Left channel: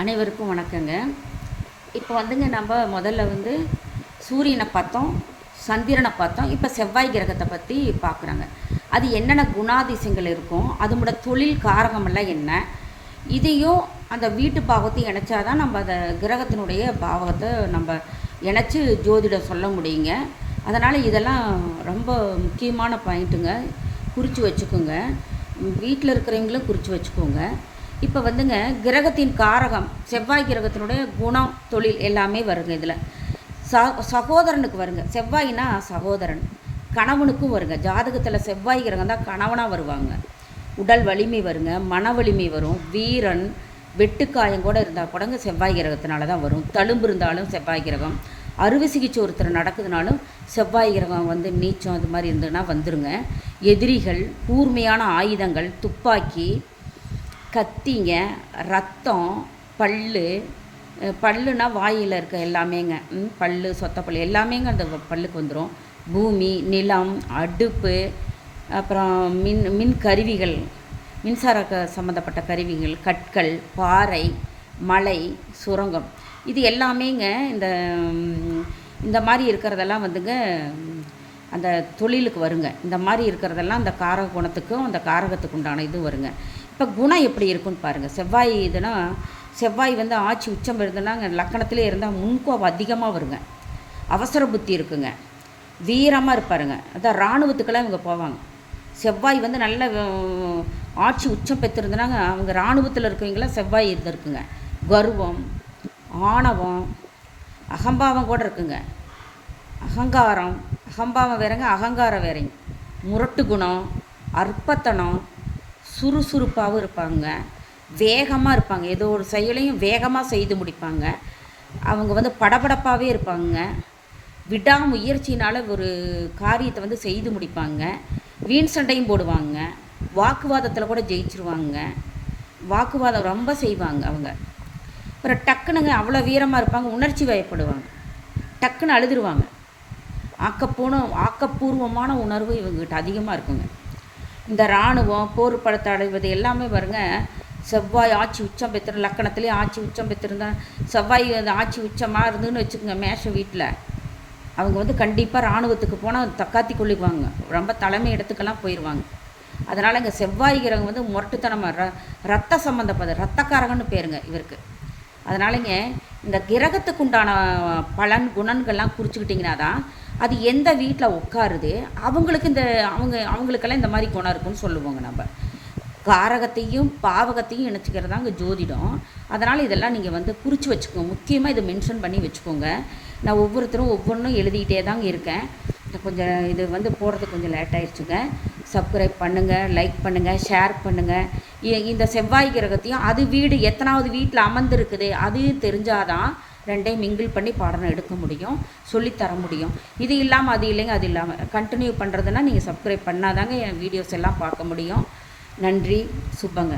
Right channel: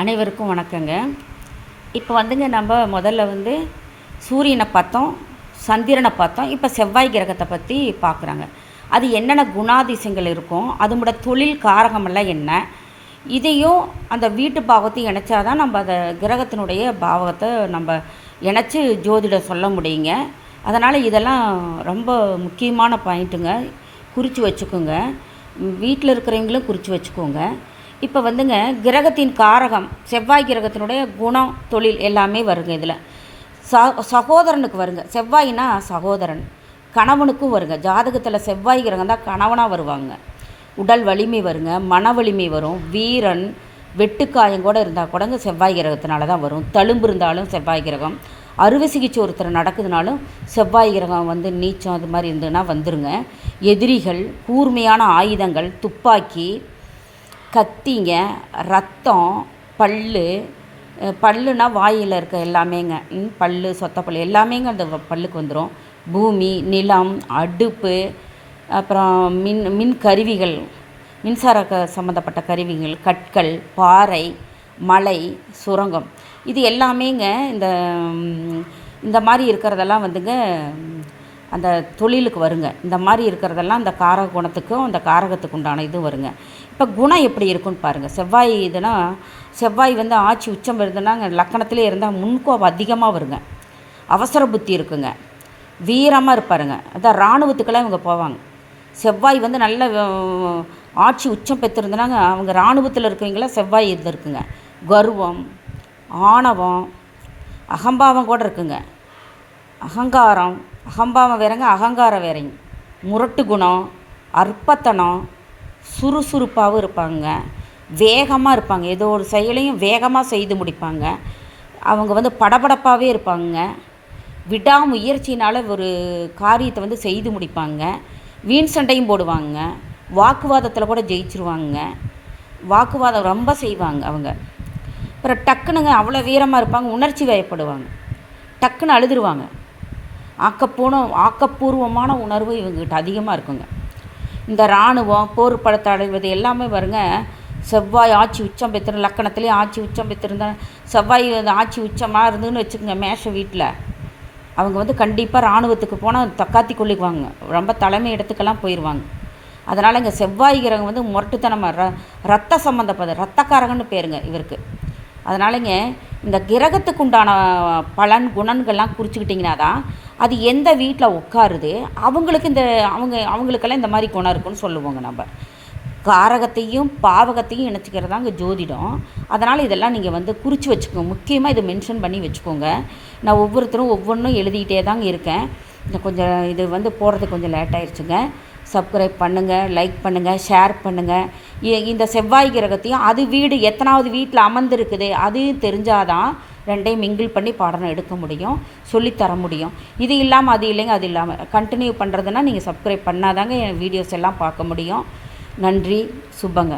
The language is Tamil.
அனைவருக்கும் வணக்கங்க. இப்போ வந்துங்க நம்ம முதல்ல சூரியனை பார்த்தோம், சந்திரனை பார்த்தோம். இப்போ செவ்வாய் கிரகத்தை பற்றி பார்க்குறாங்க. அது என்னென்ன குணாதிசயங்கள் இருக்கும், அதோட தொழில் காரகமெல்லாம் என்ன, இதையும் அந்த வீட்டு பாவத்தையும் இணைச்சா தான் நம்ம அந்த கிரகத்தினுடைய பாவத்தை நம்ம இணைச்சி ஜோதிடம் சொல்ல முடியுங்க. அதனால் இதெல்லாம் ரொம்ப முக்கியமான பாயிண்ட்டுங்க. குறித்து வச்சுக்கோங்க. வீட்டில் இருக்கிறவங்களும் குறித்து வச்சுக்கோங்க. இப்போ கிரகத்தின் காரகம் செவ்வாய் கிரகத்தினுடைய குணம், தொழில் எல்லாமே வருங்க. இதில் சகோதரனுக்கு வருங்க. செவ்வாய்னா சகோதரன், கணவனுக்கும் வருங்க. ஜாதகத்தில் செவ்வாய் கிரகம் தான் கணவனாக வருவாங்க. உடல் வலிமை வருங்க, மன வலிமை வரும். வீரன், வெட்டுக்காயம் கூட இருந்தால் கூடங்க செவ்வாய் கிரகத்தினால தான் வரும். தழும்பு இருந்தாலும் செவ்வாய் கிரகம். அறுவை சிகிச்சை ஒருத்தர் நடக்குதுனாலும் செவ்வாய் கிரகம் நீச்சம் அது மாதிரி இருந்ததுன்னா வந்துருங்க. எதிரிகள், கூர்மையான ஆயுதங்கள், துப்பாக்கி, கத்திங்க, ரத்தம், பல்லுனா வாயில் இருக்க எல்லாமேங்க, பல்லு, சொத்தப்பல் எல்லாமேங்க அந்த பல்லுக்கு வந்துடும். பூமி, நிலம், அடுப்பு, அப்புறம் மின் கருவிகள், மின்சார சம்மந்தப்பட்ட கருவிகள், கற்கள், பாறை, மலை, சுரங்கம், இது எல்லாமேங்க இந்த மாதிரி இருக்கிறதெல்லாம் அந்த தொழிலுக்கு வருங்க. இந்த மாதிரி இருக்கிறதெல்லாம் அந்த காரக குணத்துக்கும் அந்த காரகத்துக்கு உண்டான இது வருங்க. இப்போ குணம் எப்படி இருக்குன்னு பாருங்கள். செவ்வாய் இதுனா செவ்வாய் ஆட்சி உச்சம் இருந்ததுன்னா லக்கணத்திலே இருந்தால் முன்கோபம் அதிகமாக வருங்க. அவசர புத்தி இருக்குங்க. வீரமாக இருப்பாருங்க. அதான் இராணுவத்துக்கெல்லாம் இவங்க போவாங்க. செவ்வாய் நல்ல ஆட்சி உச்சம் பெற்றிருந்தனாங்க அவங்க இராணுவத்தில் இருக்கிறவங்களாம் செவ்வாய் இருந்திருக்குங்க. கர்வம், ஆணவம், அகம்பாவம் கூட இருக்குங்க. அகம்பாவம் வேறங்க, அகங்காரம் வேறங்க. முரட்டு குணம், அற்பத்தனம், சுறுசுறுப்பாகவும் இருப்பாங்க. வேகமாக இருப்பாங்க. ஏதோ ஒரு செயலையும் வேகமாக செய்து முடிப்பாங்க. அவங்க படபடப்பாகவே இருப்பாங்க. விடாமுயற்சினால் ஒரு காரியத்தை செய்து முடிப்பாங்க. வீண் சண்டையும் போடுவாங்க. வாக்குவாதத்தில் கூட ஜெயிச்சிருவாங்க. வாக்குவாதம் ரொம்ப செய்வாங்க அவங்க. அப்புறம் டக்குனுங்க அவ்வளோ வீரமாக இருப்பாங்க. உணர்ச்சி வயப்படுவாங்க. டக்குன்னு அழுதுருவாங்க. ஆக்கப்பூர்வமான உணர்வு இவங்ககிட்ட அதிகமாக இருக்குங்க. இந்த இராணுவம், போர் படத்தை அடைவது எல்லாமே வருங்க. செவ்வாய் ஆட்சி உச்சம் பெற்றிருந்த லக்கணத்துலேயே ஆட்சி உச்சம் பெற்றிருந்தா செவ்வாய் ஆட்சி உச்சமாக இருந்துன்னு வச்சுக்கோங்க. மேஷ வீட்டில் அவங்க கண்டிப்பாக இராணுவத்துக்கு போனால் தக்காத்தி கொள்ளிக்குவாங்க. ரொம்ப தலைமை இடத்துக்கெல்லாம் போயிடுவாங்க. அதனால் இங்கே செவ்வாய் கிரகம் முரட்டுத்தனமாக ரத்த சம்மந்தப்பட்ட ரத்தக்காரகன்னு பேருங்க இவருக்கு. அதனாலங்க இந்த கிரகத்துக்கு உண்டான பலன் குணங்கள்லாம் குறிச்சிக்கிட்டிங்கன்னா தான் அது எந்த வீட்டில் உட்காருது அவங்களுக்கு அவங்களுக்கெல்லாம் இந்த மாதிரி குணம் இருக்குன்னு சொல்லுவோங்க. நம்ம காரகத்தையும் பாவகத்தையும் இணைச்சிக்கிறதாங்க ஜோதிடம். அதனால் இதெல்லாம் நீங்கள் குறித்து வச்சுக்கோங்க. முக்கியமாக இதை மென்ஷன் பண்ணி வச்சுக்கோங்க. நான் ஒவ்வொருத்தரும் ஒவ்வொன்றும் எழுதிக்கிட்டே தாங்க இருக்கேன். கொஞ்சம் இது போடுறதுக்கு கொஞ்சம் லேட் ஆகிடுச்சுங்க. சப்ஸ்கிரைப் பண்ணுங்கள், லைக் பண்ணுங்கள், ஷேர் பண்ணுங்கள். இந்த செவ்வாய் கிரகத்தையும் அது வீடு எத்தனாவது வீட்டில் அமர்ந்துருக்குது அதையும் தெரிஞ்சாதான் ரெண்டையும் மிங்கிள் பண்ணி பாடம் எடுக்க முடியும், சொல்லித்தர முடியும். இது இல்லாமல் அது இல்லைங்க, அது இல்லாமல் கண்டினியூ பண்ணுறதுன்னா நீங்கள் சப்ஸ்கிரைப் பண்ணாதாங்க என் வீடியோஸ் எல்லாம் பார்க்க முடியும். நன்றி, சுபங்க.